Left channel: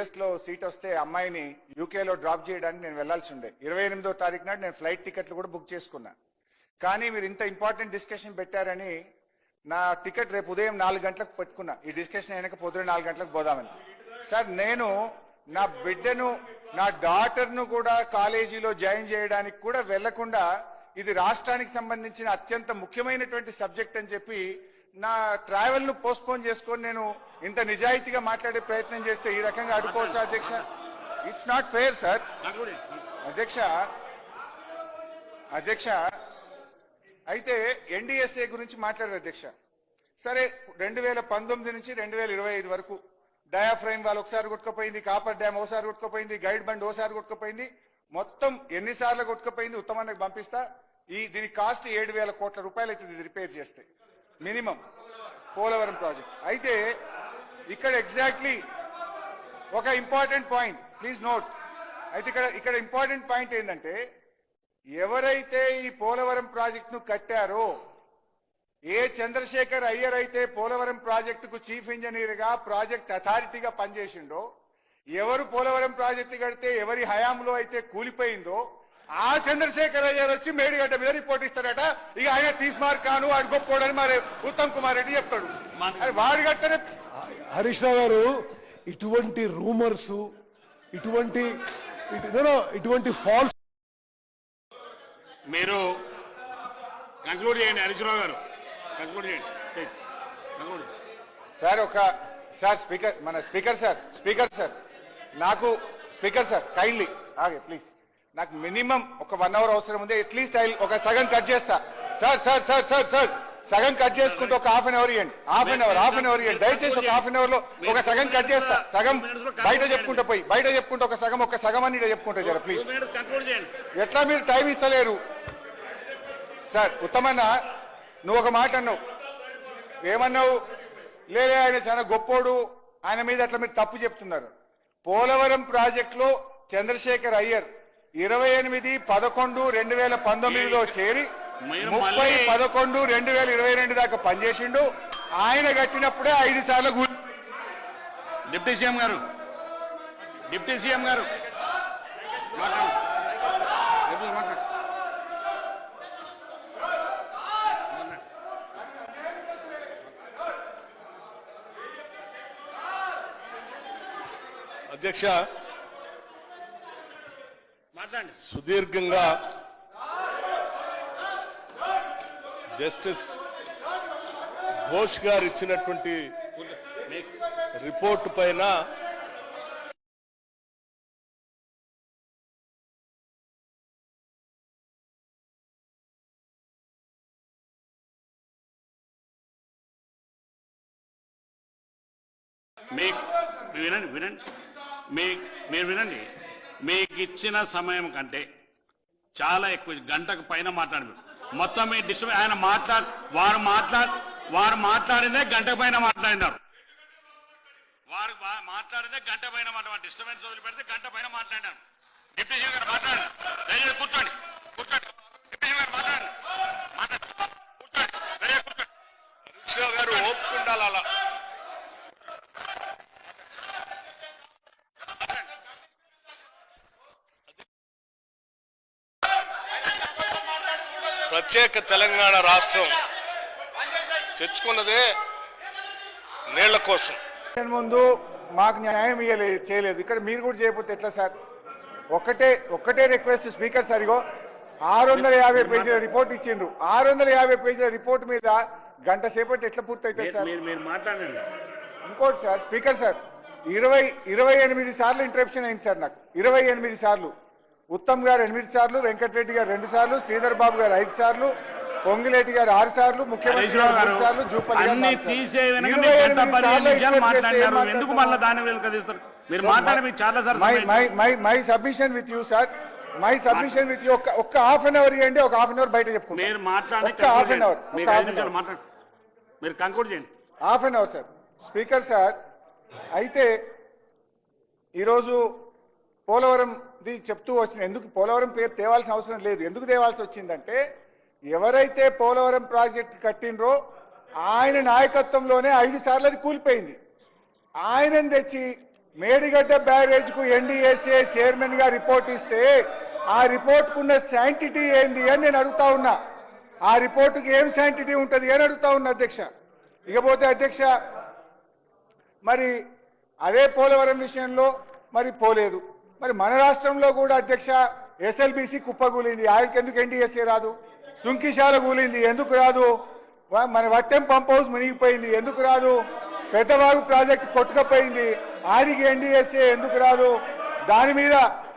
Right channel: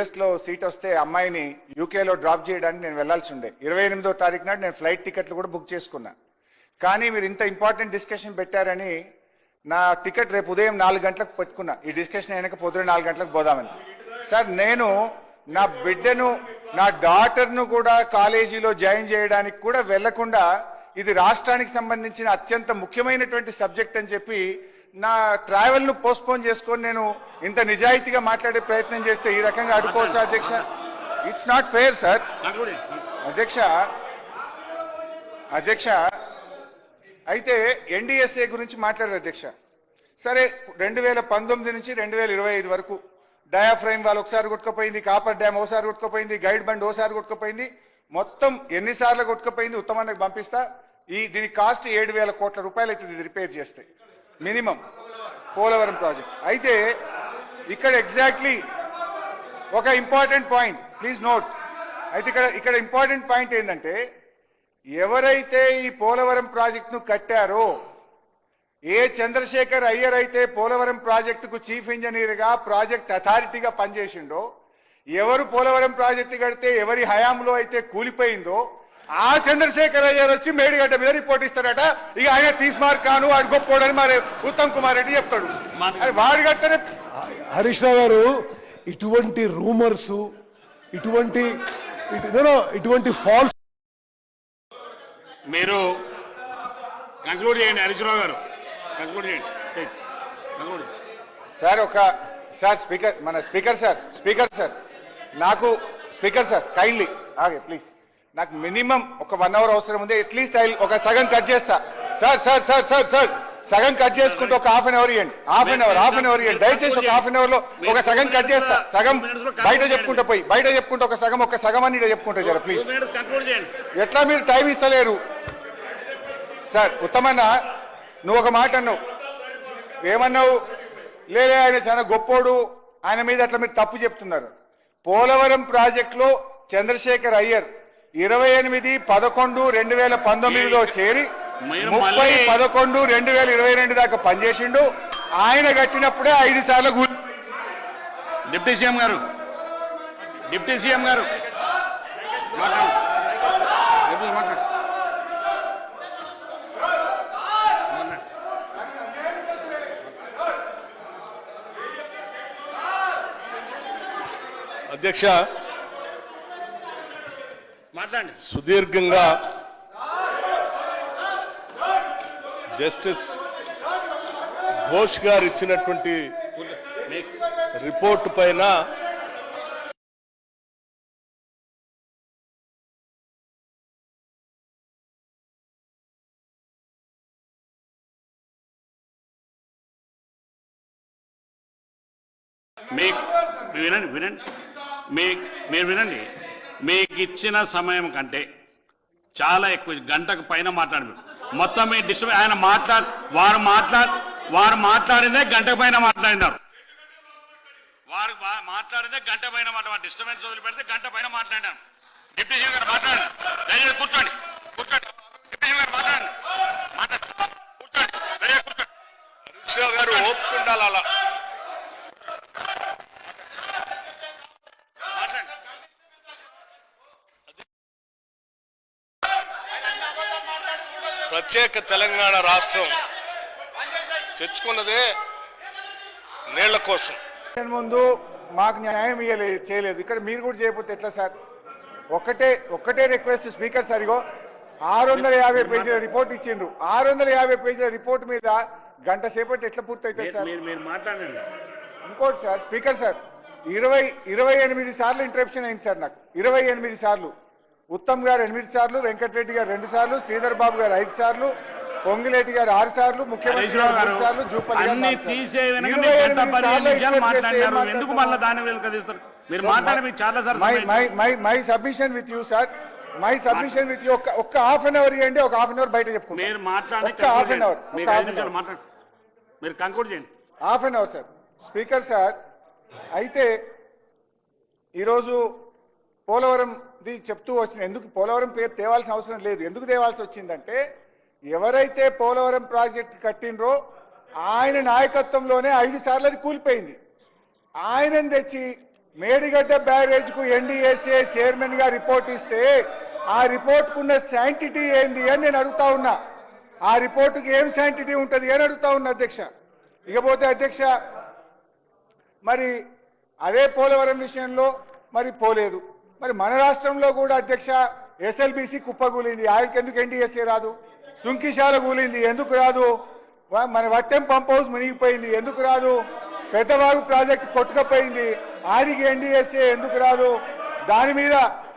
యుఎస్లో సీట్ వస్తే అమ్మాయిని యూకేలో డ్రాప్ చేయడానికి నేను వెళ్ళాల్సి ఉండే ఇరవై ఎనిమిదో తారీఖు నాడు నేను ఫ్లైట్ టికెట్లు కూడా బుక్ చేసుకున్నా. కానీ మీరు ఇంత ఇంపార్టెంట్ డిస్కషన్ పెట్టారని నా టికెట్ రేపు ఉదయం నాలుగు గంటలకు పెట్టుకున్నా. ఈ డిస్కషన్ అయినాక పొద్దున నాలుగు గంటలకు పోదామని. సార్ నేను నా బిడ్డను నా డాటర్ను కూడా కాలేజీలో జాయిన్ చేయడానికి కూడా వెళ్ళకుండా ఇది రాష్ట్రానికి సంబంధించిన అత్యంత ముఖ్యమైనటువంటి సబ్జెక్ట్ అని చెప్పి నా ట్రావెల్ను పోస్ట్పోన్ చేసుకొని నేను ఇంత నిజాయితీగా మాట్లాడే ప్రయత్నం చేస్తే ఈ రకంగా అడ్డుకోవచ్చా అధ్యక్ష? ఇట్స్ నాట్ ఫెయిర్ సార్ అధ్యక్ష అధ్యక్ష అయితే ఎన్డీఎస్ఏ గురించి మాట్లాడారు అధ్యక్ష. సరే రెండు వేల పంతొమ్మిది నుంచి రెండు వేల ఇరవై ఐదు వరకు డయాఫ్రైమ్ వాళ్ళు ఒకసారి కొట్టుకుపోయింది కాపర్ డ్యామ్ ఒకసారి కొట్టుకుపోయింది గైడ్ బండ్ ఒకసారి కొట్టుకుపోయింది మొత్తం ఎన్నిసార్లు కొట్టుకుపోయింది ఉత్తమానికి పంపిస్తా. ఈ దీని కాస్ట్ ఏడు వేల కోట్ల రూపాయలు ఇది రిపేర్ చేస్తే. Minimum Polavaram project. అయితే ఇక్కడ ఎగ్జాక్ట్లీ ఒక ఇంపార్టెంట్ పాయింట్ ప్లీజ్ నోట్. అయితే ఇక్కడ ఇక్కడ ఇంపార్టెంట్ పాయింట్ ఏంటంటే ఎవరైతే ఈ పోలవరం ప్రాజెక్టును కట్టారో ఏ చంద్రశేఖర్ అయ్యర్ అయితే పోలవరం ప్రాజెక్టుకు చీఫ్ ఇంజనీర్గా ప్రాజెక్ట్ అథారిటీగా పనిచేసిండో ఎవరు పోలవరం ప్రాజెక్టు కడితే ఎవరి హయాంలో అయితే కూలిపోయిందో ఆ చంద్రశేఖర్ అయ్యర్ వచ్చి మేడిగడ్డ మీద రిపోర్ట్ ఇస్తారట. ఇక ఆయన తీసుమార్ కాను వాడు గొప్పోడని మరి ఉత్తమ్ కుమార్ రెడ్డి చెప్తాడు. అది వాడు కడితేనే హరీష్ రావు గారు ఇటువంటి రూమర్స్ ఇటువంటి ఇటువంటి ఫాల్స్ మీరు కంక్లూడ్ చేయండి హరీశ్రావు గారు. కంక్లూడ్ చేయండి. సార్ ఒక సార్ స్పీకర్ మన స్పీకర్ సార్ స్పీకర్ సార్. నాకు స్పీకర్ సార్ కైండ్లీ ఆగే ప్లీజ్ నాకు మినిమం ఒక వన్ అవర్ అవసరం ఉంది. అట్లీస్ట్ ఐ ఒక సగం కట్ చేస్తా. Sir sir sir sir sir. సగం కట్ చేసుకుంటే ఒక హాఫ్ అన్ అవర్ ఇవ్వండి half an hour half an hour ఇవ్వండి దయచేసి ఒక హాఫ్ అన్ అవర్లో ఒక సగం కట్ చేస్తా. సగం బయట చెప్పుకుంటా పోయి బయట చెప్పుకుంటే ఒక సగం ఒక సగం అని చెప్పుకుంటా జర ప్లీజ్ ఎట్లా మీరు టైం ఇస్తలేరు? సార్ ఉత్తమన్న నువ్వు ఒక మాట అన్నావు. ఏమన్నావు? లేదే ఆయన చాలా గొప్పోడు. ఆయన మీద అట్లా మీరు తప్పు చెప్తున్నారు. పోలవరం ప్రాజెక్టులో చంద్రశేఖర్ అయ్యర్ ఇరవై ఎనిమిది పదకొండు రెండు వేల పంతొమ్మిదిలో చేరి ముప్పై పదకొండు రెండు వేల ఇరవై రెండు దాకా పనిచేసిండు. ఆయన కట్టినప్పుడే ఐదు సార్లు కూలి డిప్యూటీ సీఎం గారు డిప్యూటీ సీఎం గారు. అధ్యక్ష మాట్లాడండి. సుదీర్ఘంగా జస్టిస్ ఘోష్ గారు ఇచ్చినటువంటి రిపోర్ట్ పైన మీరు వినండి వినండి. మీ మీరు వినండి. మీకు ఇచ్చిన సమయం కంటే చాలా ఎక్కువ. గంటకు పైన మాట్లాడు మొత్తం మీ డిస్టర్బ్ ఆయన మాట్లాడు వారు మాట్లాడు వారు మాట్లాడిందే గంటకు పైన మాట్లాడినారు. వారు మాట్లాడితే గంట పైన మాట్లాడారు డిస్టర్బెన్స్ వదిలిపెడితే గంట పైన మాట్లాడాను డిప్యూటీ సీఎం గారు మాట్లాడండి దయచేసి కూర్చోండి. కూర్చోండి. డిప్యూటీ సీఎం గారు మాట్లాడండి. మాట్లాడండి. కూర్చోండి. దయచేసి కూర్చోండి. గారు ఓపిక ఉండాలి అలా. ప్రత్యేక తెలంగాణ రాష్ట్రం తెచ్చుకున్నదే నీళ్ళ కోసం. ముందు మాకు న్యాయం ఇయ్యలేదు చేయలేదు. ఇక్కడ మీరు కూడా చేయకపోతే ఎట్లా సార్? ఒక్కటే ఒక్కటే రిక్వెస్ట్ స్పీకర్ సార్ ఇగో. ఆరు వందల యాభై పేజీల రిపోర్ట్ ఇచ్చిండ్రు. ఆరు వందల యాభై పేజీల రిపోర్ట్ మీద గంట సేపటి ఎట్లా పూర్తవుతుంది మీరు- సార్? మీరు మీరు మాట్లాడండి. ఇంకోటి సార్ స్పీకర్ సార్. ఇరవై ఇరవై ఎనిమిది సార్లు ఇంటరప్షన్ అయింది సార్ నాకు. ఇరవై ఎనిమిది సార్లు. ఉత్తమ్ గారు ఎనిమిది సార్లు వెంకటరెడ్డి గారు రెండు సార్లు శ్రీధర్ బాబు గారు ఐదు సార్లు పొంగిలేటి గారు ఆరు సార్లు ముఖ్యమంత్రి గారు సార్లు Jupally my submission with you sir. My submission with you ఒక్క హాఫ్ అన్ అవర్ ఇవ్వండి ఒక హాఫ్ అన్ అవర్ బయట చెప్పుకుంటాం. మీరు మాట్లాడి ఒక్క హాఫ్ అన్ అవర్ మీరు హాఫ్ అన్ అవర్. మాట్లాడు. మీరు కంక్లూడ్ చేయండి. Half an hour sir. Speaker sir అయితే ఈరోజు ఇది చెప్తూ వచ్చింది ఎందుకు పోలవరం పేరు తేవాల్సిన అవసరం లేదు. ఎందుకు తేవాల్సి వచ్చిందంటే ఎవరైతే పోలవరం ప్రాజెక్ట్ కట్టినరో ఆయన నాయకత్వంలోనే ఐదు సార్లు అది కూలిపోయింది. ఆయనని తెచ్చి మేడిగడ్డ బ్యారేజ్కు ఎన్డీఎస్ఏ చైర్మన్గా రిపోర్ట్ ఇస్తే ఆ రిపోర్ట్ కున్న శాంటిటీ ఏంది అని నేను అడుగుతా ఉన్నా. ఆ రిపోర్టుకి ఏం శాంటిటీ ఉంటుంది అని అడుగుతా ఉన్నా అధ్యక్ష. ఇకపోతే అధ్యక్ష మరి అదే పోలవరం విషయంలో మరి పోలేదు. మరి మన రాష్ట్రంలో కూడా అధ్యక్ష ఎస్ఎల్బిసి కుప్పగూలింది ఆయనకి ఎందుకు ఎన్డీఎస్ఏ రాదు? సుంకిశాల కూలింది. ఎందుకు రాదు? మన వట్టెం పంప్ హౌస్ మునిగిపోయింది. ఎందుకు రాదు? పెద్దవాగు ప్రాజెక్ట్ కొట్టుకపోయింది. ఆయనకి ఎన్డీఎస్ఏ ఎందుకు రాదు? దాని మీద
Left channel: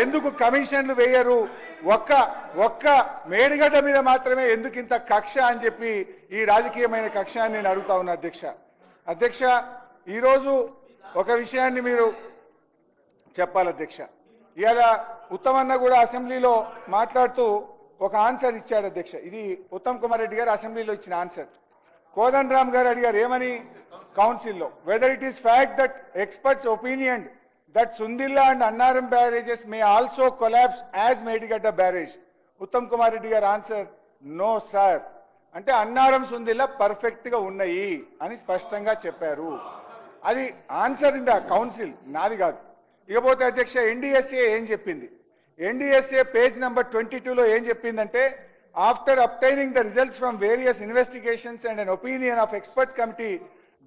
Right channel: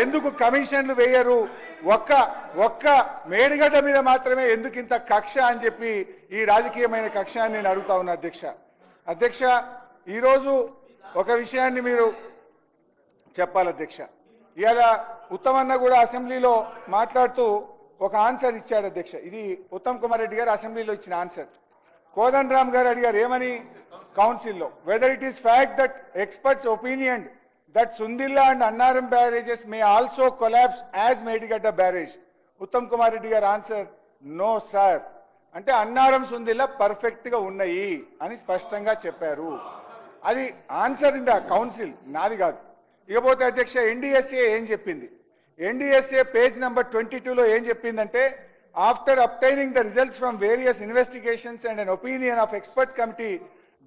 ఎందుకు కమిషన్లు వేయరు? ఒక్క ఒక్క మేడిగడ్డ మీద మాత్రమే ఎందుకు ఇంత కక్ష అని చెప్పి ఈ రాజకీయమైన కక్ష అని నేను అడుగుతా ఉన్నా అధ్యక్ష. అధ్యక్ష ఈరోజు ఒక విషయాన్ని మీరు చెప్పాలి అధ్యక్ష. ఇవాళ ఉత్తమన్న కూడా అసెంబ్లీలో మాట్లాడుతూ ఒక ఆన్సర్ ఇచ్చాడు అధ్యక్ష. ఇది ఉత్తమ్ కుమార్ రెడ్డి గారు అసెంబ్లీలో ఇచ్చిన ఆన్సర్. కోదండరామ్ గారు అడిగారు ఏమని? కౌన్సిల్లో whether it is fact that experts opinion that Sundilla and Annaram barrages may also collapse as Medigadda barrage Uttam Kumar Reddy గారు ఆన్సర్ నో సార్ అంటే అన్నారం సుందిల్లా పర్ఫెక్ట్గా ఉన్నాయి అని స్పష్టంగా చెప్పారు. అది ఆన్సర్ ఇన్ ద కౌన్సిల్. నాది కాదు. ఇకపోతే అధ్యక్ష ఎన్డీఎస్ఏ ఏం చెప్పింది? ఎన్డీఎస్ఏ పేజ్ నెంబర్ ట్వంటీ టూలో ఏం చెప్పిందంటే after obtaining the results from various investigations and an opinion of expert committee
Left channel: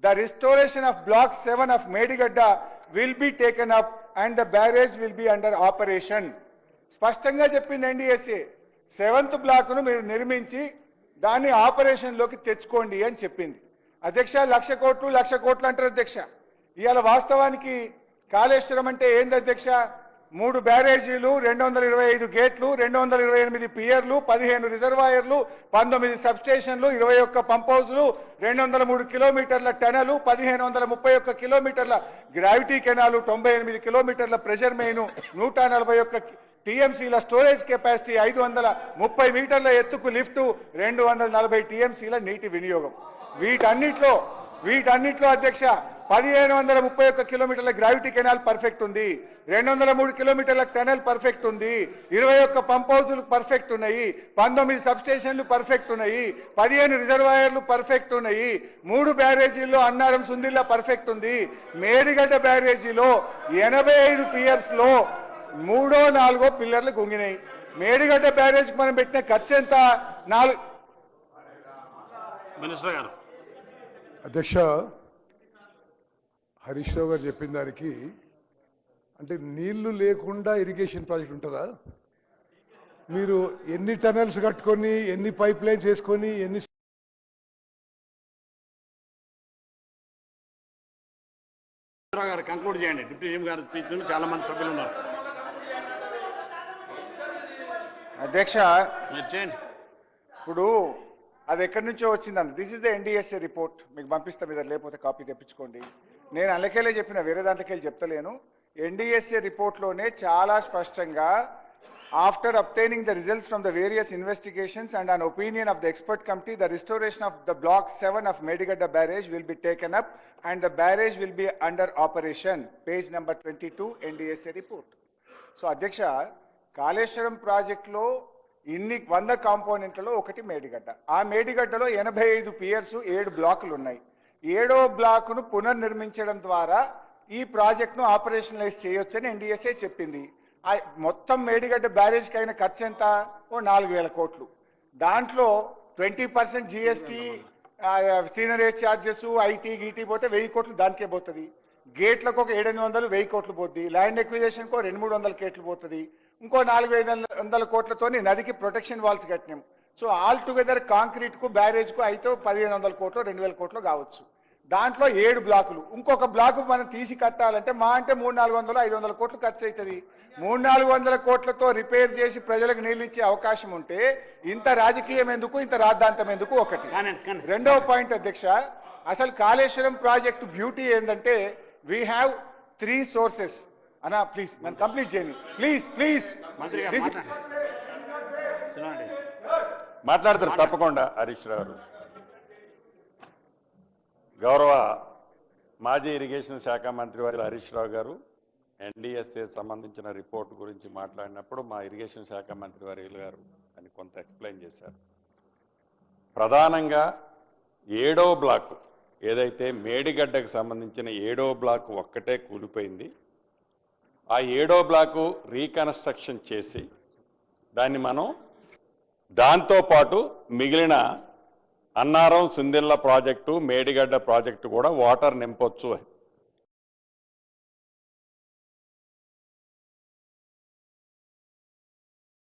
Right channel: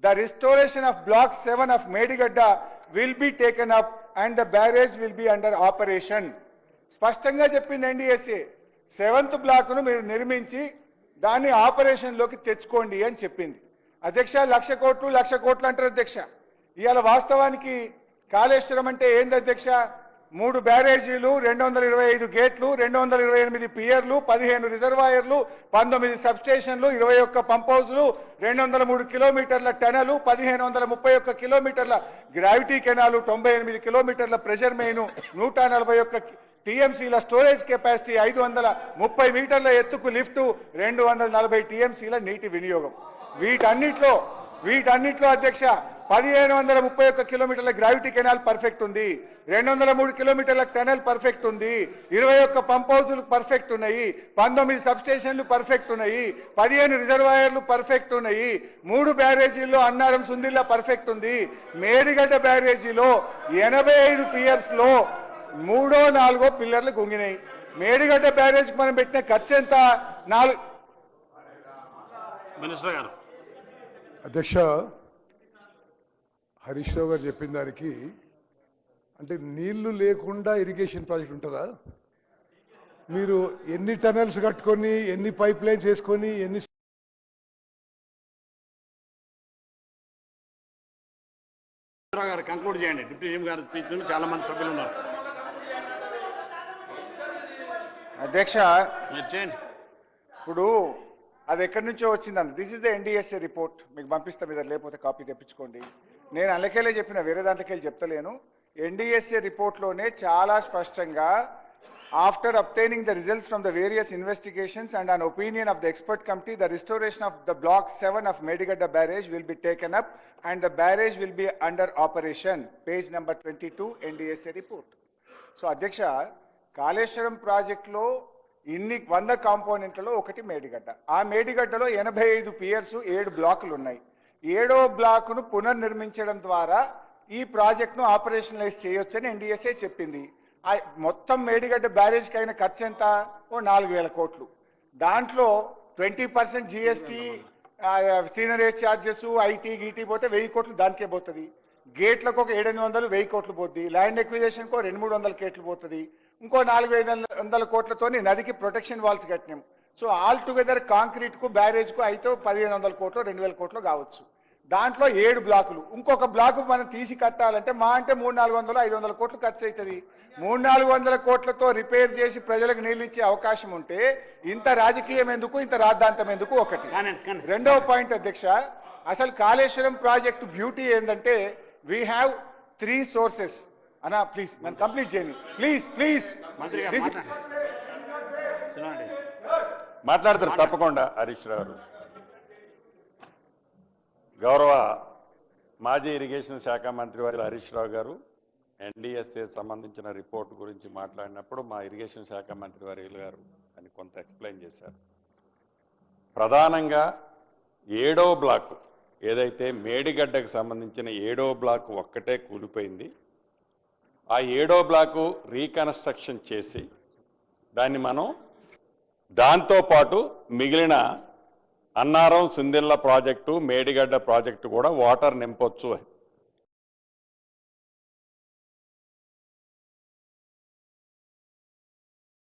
the restoration of block seven of Medigadda will be taken up and the barrage will be under operation. స్పష్టంగా చెప్పింది NDSA seventh బ్లాక్ను మీరు నిర్మించి దాన్ని ఆపరేషన్లోకి తెచ్చుకోండి అని చెప్పింది. అధ్యక్ష లక్ష కోట్లు లక్ష కోట్లు అంటారు అధ్యక్ష. ఇవాళ వాస్తవానికి కాళేశ్వరం అంటే ఏంది అధ్యక్ష? మూడు బ్యారేజీలు రెండు వందల ఇరవై ఐదు గేట్లు రెండు వందల ఇరవై ఎనిమిది పియర్లు పదిహేను రిజర్వాయర్లు పంతొమ్మిది సబ్స్టేషన్లు ఇరవై ఒక్క పంప్ హౌజ్లు రెండు వందల మూడు కిలోమీటర్ల టనలు పదిహేను వందల ముప్పై ఒక్క కిలోమీటర్ల గ్రావిటీ కెనాలు తొంభై ఎనిమిది కిలోమీటర్ల ప్రెషర్ మెయిన్ నూట నలభై ఒక్క టీఎంసీల స్టోరేజ్ కెపాసిటీ ఐదు వందల ముప్పై మీటర్ల ఎత్తుకు లిఫ్టు రెండు వందల నలభై టీఎంసీల నీటి వినియోగం. వీటన్నిట్లో వీటన్నింటిలో అధ్యక్ష పదిహేను వందల ముప్పై ఒక్క కిలోమీటర్ల గ్రావిటీ కెనాల్ పర్ఫెక్ట్ ఉంది. రెండు వందల మూడు కిలోమీటర్ల టనల్ పర్ఫెక్ట్ ఉంది. ఇరవై ఒక్క పంప్ హౌజులు పర్ఫెక్ట్ ఉన్నాయి. పంతొమ్మిది సబ్స్టేషన్లు పర్ఫెక్ట్ ఉన్నాయి. పదిహేను రిజర్వాయర్లు పర్ఫెక్ట్ ఉన్నాయి. మూడు బ్యారేజీల్లో అన్నారం సుందిల్లా పర్ఫెక్ట్ ఉంది. మేడిగడ్డ బ్యారేజీలో ఎనభై ఐదు పియర్స్లో మూడో నాలుగో పిల్లర్లు గుంగినాయి. మేడిగడ్డ బ్యారేజ్కి మనం పెట్టిన ఖర్చు ఎంత? నాలుగు మినిస్టర్ గారు అధ్యక్ష హరీష్ రావు గారు చెప్పిన దానికి అంటే నీళ్ళు లేకుండా ఇరిగేషన్ ప్రాజెక్ట్ ఉంటుందా? మీరు ఎన్ని టనల్స్ కట్టుకొని ఎన్ని పైప్ లైన్స్ వేసుకొని ఎన్ని గారు కంక్లూడ్ చేయండి. డిప్యూటీ సీఎం గారి స్పీచ్ నుండి చాలా మంది సభ్యులు ఉన్నారు. అధ్యక్ష చేయండి. ఇప్పుడు అది ఎక్కడి నుంచో వచ్చింది అంత this is the NDSA report మీకు పంపిస్తాం మీద లేకపోతే కాపీ తెప్పించుకోండి. నేను అందుకేలే చెప్పిన వేరే దాంట్లోకి చెప్తలేను. ఎన్డీఎస్ఏ రిపోర్ట్లోనే చాలా స్పష్టంగా after obtaining the results from the various investigations and an opinion of the expert committee the restoration of the block seven of Medigadda barrage will be taken up and the barrage will be under operation page number twenty two NDSA report so అధ్యక్ష కాళేశ్వరం ప్రాజెక్ట్లో ఇన్ని వంద కాంపోనెంట్లలో ఒకటి మేడిగడ్డ. ఆ మేడిగడ్డలో ఎనభై ఐదు Pierce ఏడు బ్లాకులు ఉన్నాయి. ఏడో బ్లాకును పునర్నిర్మించడం ద్వారా ఈ ప్రాజెక్ట్ను ఆపరేషనలైజ్ చేయొచ్చని ఎన్డీఎస్ఏ చెప్పింది. ఆ మొత్తం మేడిగడ్డ బ్యారేజ్కి అయిన ఖర్చు ఎంత ఓ నాలుగు వేల కోట్లు. దాంట్లో twenty percent GST seigniorage charges IT గీటీ పోతే వెయ్యి కోట్లు దానికే పోతుంది. గేట్లకు ఒక ఏడెనిమిది వందలు వెయ్యి కోట్లు పోతుంది ల్యాండ్ ఎక్విజేషన్కు ఒక రెండు మూడు వందల కోట్లు పోతుంది. ఇంకో నాలుగు ఐదు వందల కోట్లతోని నదికి ప్రొటెక్షన్ వాల్స్ కట్టినాం. సో ఆల్ టుగెదర్ కాంక్రీట్కు బ్యారేజ్కు అయితే పదిహేను వందల కోట్లు రెండు వేల కోట్లు కావచ్చు. దాంట్లో ఏడు బ్లాకులు. ఇంకొక బ్లాకు మనం తీసి కట్టాలంటే మా అంటే మూడు నాలుగు వందలు ఐదు వందల కోట్లు ఖర్చు అవుతుంది మూడు నాలుగు వందల కోట్లతో రిపేర్ చేసి ప్రజలకు నీళ్ళు ఇచ్చే అవకాశం ఉంటే ఇంత రాజకీయం ఎందుకు ఇంత రాద్ధాంతం ఎందుకు ఒకటి. రెండవ పాయింట్ అధ్యక్ష అసలు కాళేశ్వరం ప్రాజెక్టు బ్యూటీ ఏంటంటే వీ హ్యావ్ త్రీ సోర్సెస్ అనా ప్లీజ్ నన్ను కంప్లీట్ చేయండి. ప్లీజ్ ప్లీజ్ మాట్లాడతారు తప్పకుండా హరీష్ రావు. గారు. గౌరవ మాజీ ఇరిగేషన్ శాఖ మంత్రి వారి హరీష్ రావు గారు ఎన్డీఎస్ఏ సంబంధించిన రిపోర్ట్ గురించి మాట్లాడినప్పుడు మా ఇరిగేషన్ శాఖ మంత్రి వారి గారు అని కొంత ఎక్స్ప్లెయిన్ చేశారు. ప్రధానంగా ఏడో బ్లాక్ ఏదైతే మేడిగడ్డకు సంబంధించిన ఏడో బ్లాక్ ఒక్కటే కూలిపోయింది ఆ ఏడో బ్లాకు రీకన్స్ట్రక్షన్ చేసి దాన్ని మనం దాంతో పాటు మిగిలిన అన్నారం సుందిల్ల ప్రాజెక్టు మేడిగడ్డ ప్రాజెక్టు కూడా వాటర్ నింపొచ్చు